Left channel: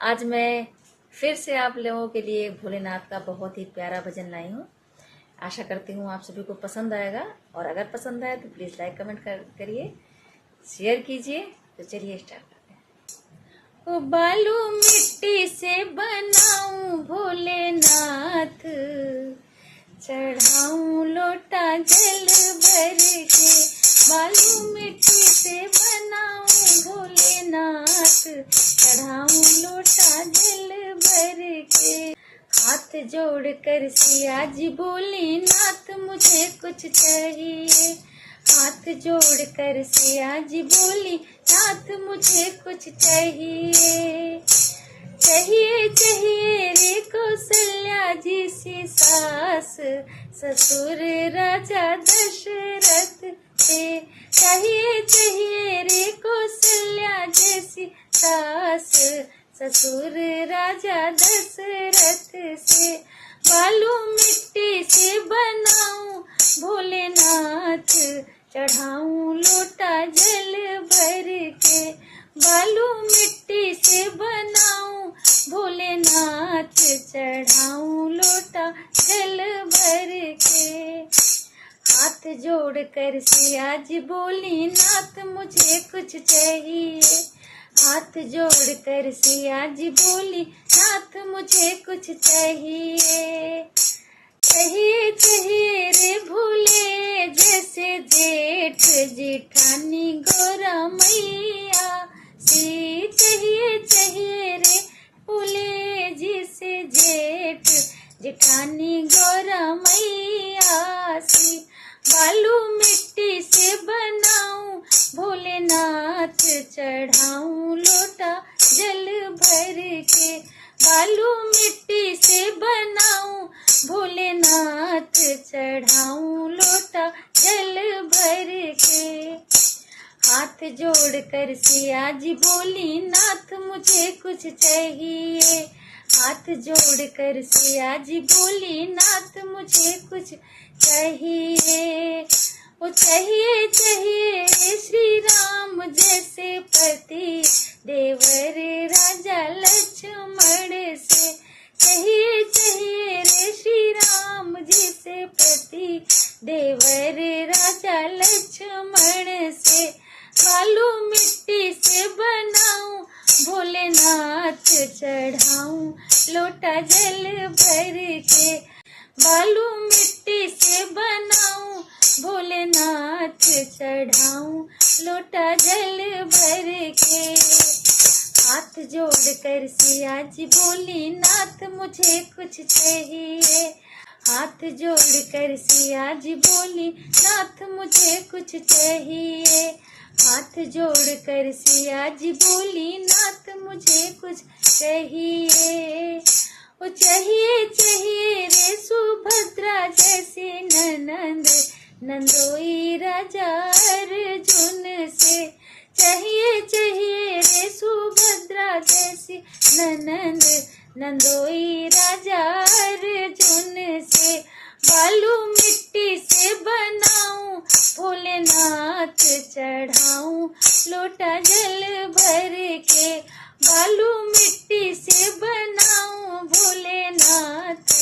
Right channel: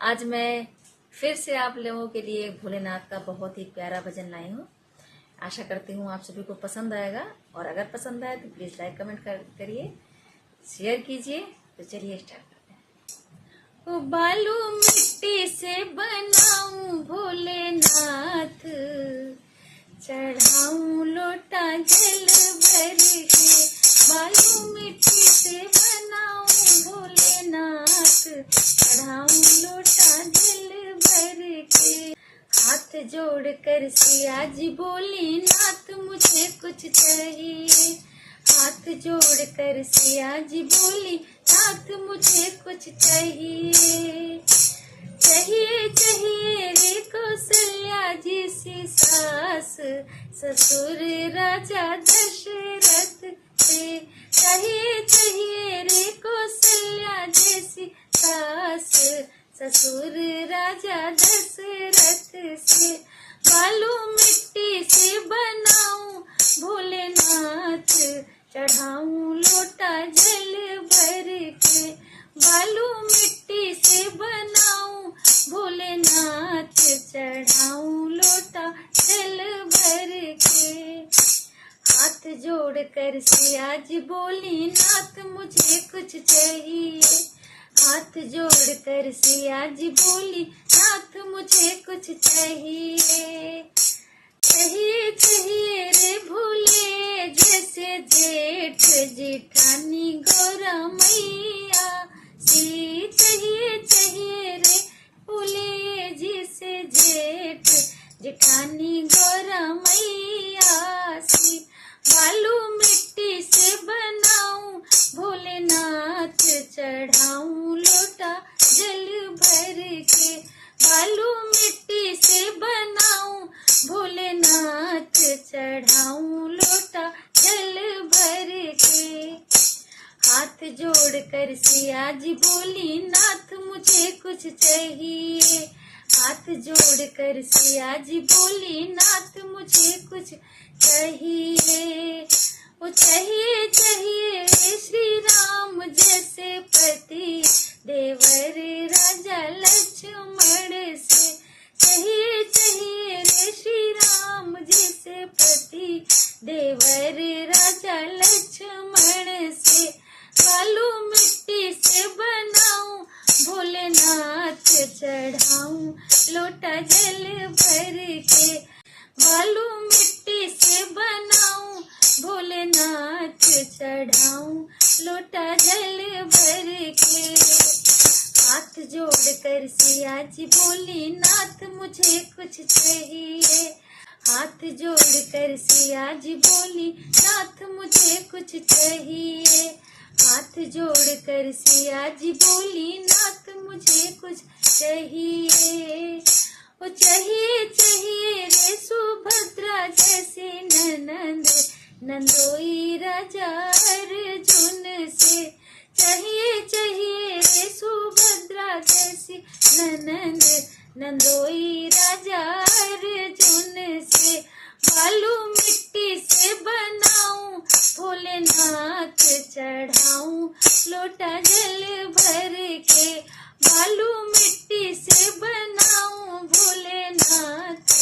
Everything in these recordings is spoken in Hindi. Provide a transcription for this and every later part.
आज मैं फिर से आप लोगों के लिए भोलेनाथ का बहुत ही प्यारा भजन लाई हूँ। आशा करती हूँ आप सभी को पसंद आएगा, और अगर पसंद आए तो प्लीज़ लाइक कमेंट करिए, शेयर कीजिए। तो चलिए स्टार्ट करते हैं। ओ बालू मिट्टी से बनाऊं भोलेनाथ, चढ़ाऊं लोटा जल भर के। बालू मिट्टी से बनाऊं भोलेनाथ, चढ़ाऊं लोटा जल भर के। हाथ जोड़ कर सिया जी बोली नाथ मुझे कुछ चाहिए। हाथ जोड़ कर सिया जी बोली नाथ मुझे कुछ चाहिए। चाहिए चाहिए रे कौशल्या जी सी सास, ससुर राजा दशरथ से। चाहिए चाहिए रे कौशल्या जैसी सास, ससुर राजा दशरथ से। बालू मिट्टी से बनाऊं भोलेनाथ, चढ़ाऊं लोटा जल भर के। बालू मिट्टी से बनाऊं भोलेनाथ, चढ़ाऊं लोटा जल भर के। हाथ जोड़ कर सिया जी बोली नाथ मुझे कुछ चाहिए। हाथ जोड़ कर सिया जी बोली नाथ मुझे कुछ चाहिए। चाहिए चाहिए रे भोले जैसे जेठ जेठानी गौरा मैया सी। चाहिए चाहिए रे भोले जैसे जेठ जेठानी गौरा मैया सी। बालू मिट्टी से बनाऊं भोलेनाथ, चढ़ाऊं लोटा जल भर के। बालू मिट्टी से बनाऊं भोलेनाथ, चढ़ाऊं लोटा जल भर के। हाथ जोड़ कर सिया जी बोली नाथ मुझे कुछ चाहिए। हाथ जोड़ कर सिया जी बोली नाथ मुझे कुछ चाहिए। वो चाहिए चाहिए श्री राम जैसे पति, देवर राजा लक्ष्मण से। चाहिए चाहिए रे श्री राम जैसे पति, देवर राजा लक्ष्मण से। बालू मिट्टी से बनाऊं भोलेनाथ, चढ़ाऊं लोटा जल भर के। बालू मिट्टी से बनाऊं भोलेनाथ, चढ़ाऊं लोटा जल भर के। हाथ जोड़ कर सिया जी बोली नाथ मुझे कुछ चाहिए। हाथ जोड़ कर सिया जी बोली नाथ मुझे कुछ चाहिए। हाथ जोड़ कर सिया जी बोली नाथ मुझे कुछ चाहिए। ओ चाहिए चाहिए रे सुभद्रा जैसी ननंद, नंदोई राजा अर्जुन से। चाहिए चाहिए रे सुभद्रा जैसी ननंद, नंदोई राजा अर्जुन से। बालू मिट्टी से बनाऊं भोलेनाथ, चढ़ाऊं लोटा जल भर के। बालू मिट्टी से बनाऊं भोलेनाथ,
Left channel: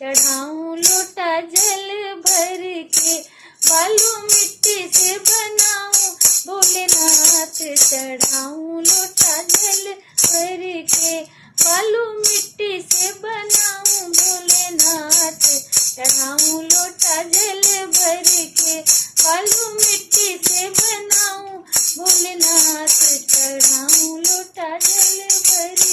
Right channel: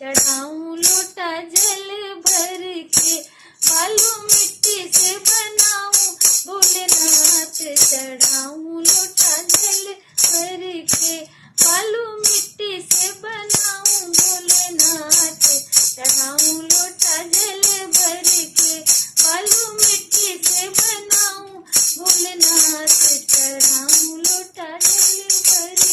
चढ़ाऊं लोटा जल भर के। बालू मिट्टी से बनाऊं भोलेनाथ, चढ़ाऊं लोटा जल भर के। बालू मिट्टी से बनाऊं भोलेनाथ, चढ़ाऊं लोटा जल भर के। बालू मिट्टी से बनाऊं भोलेनाथ, चढ़ाऊं लोटा जल भर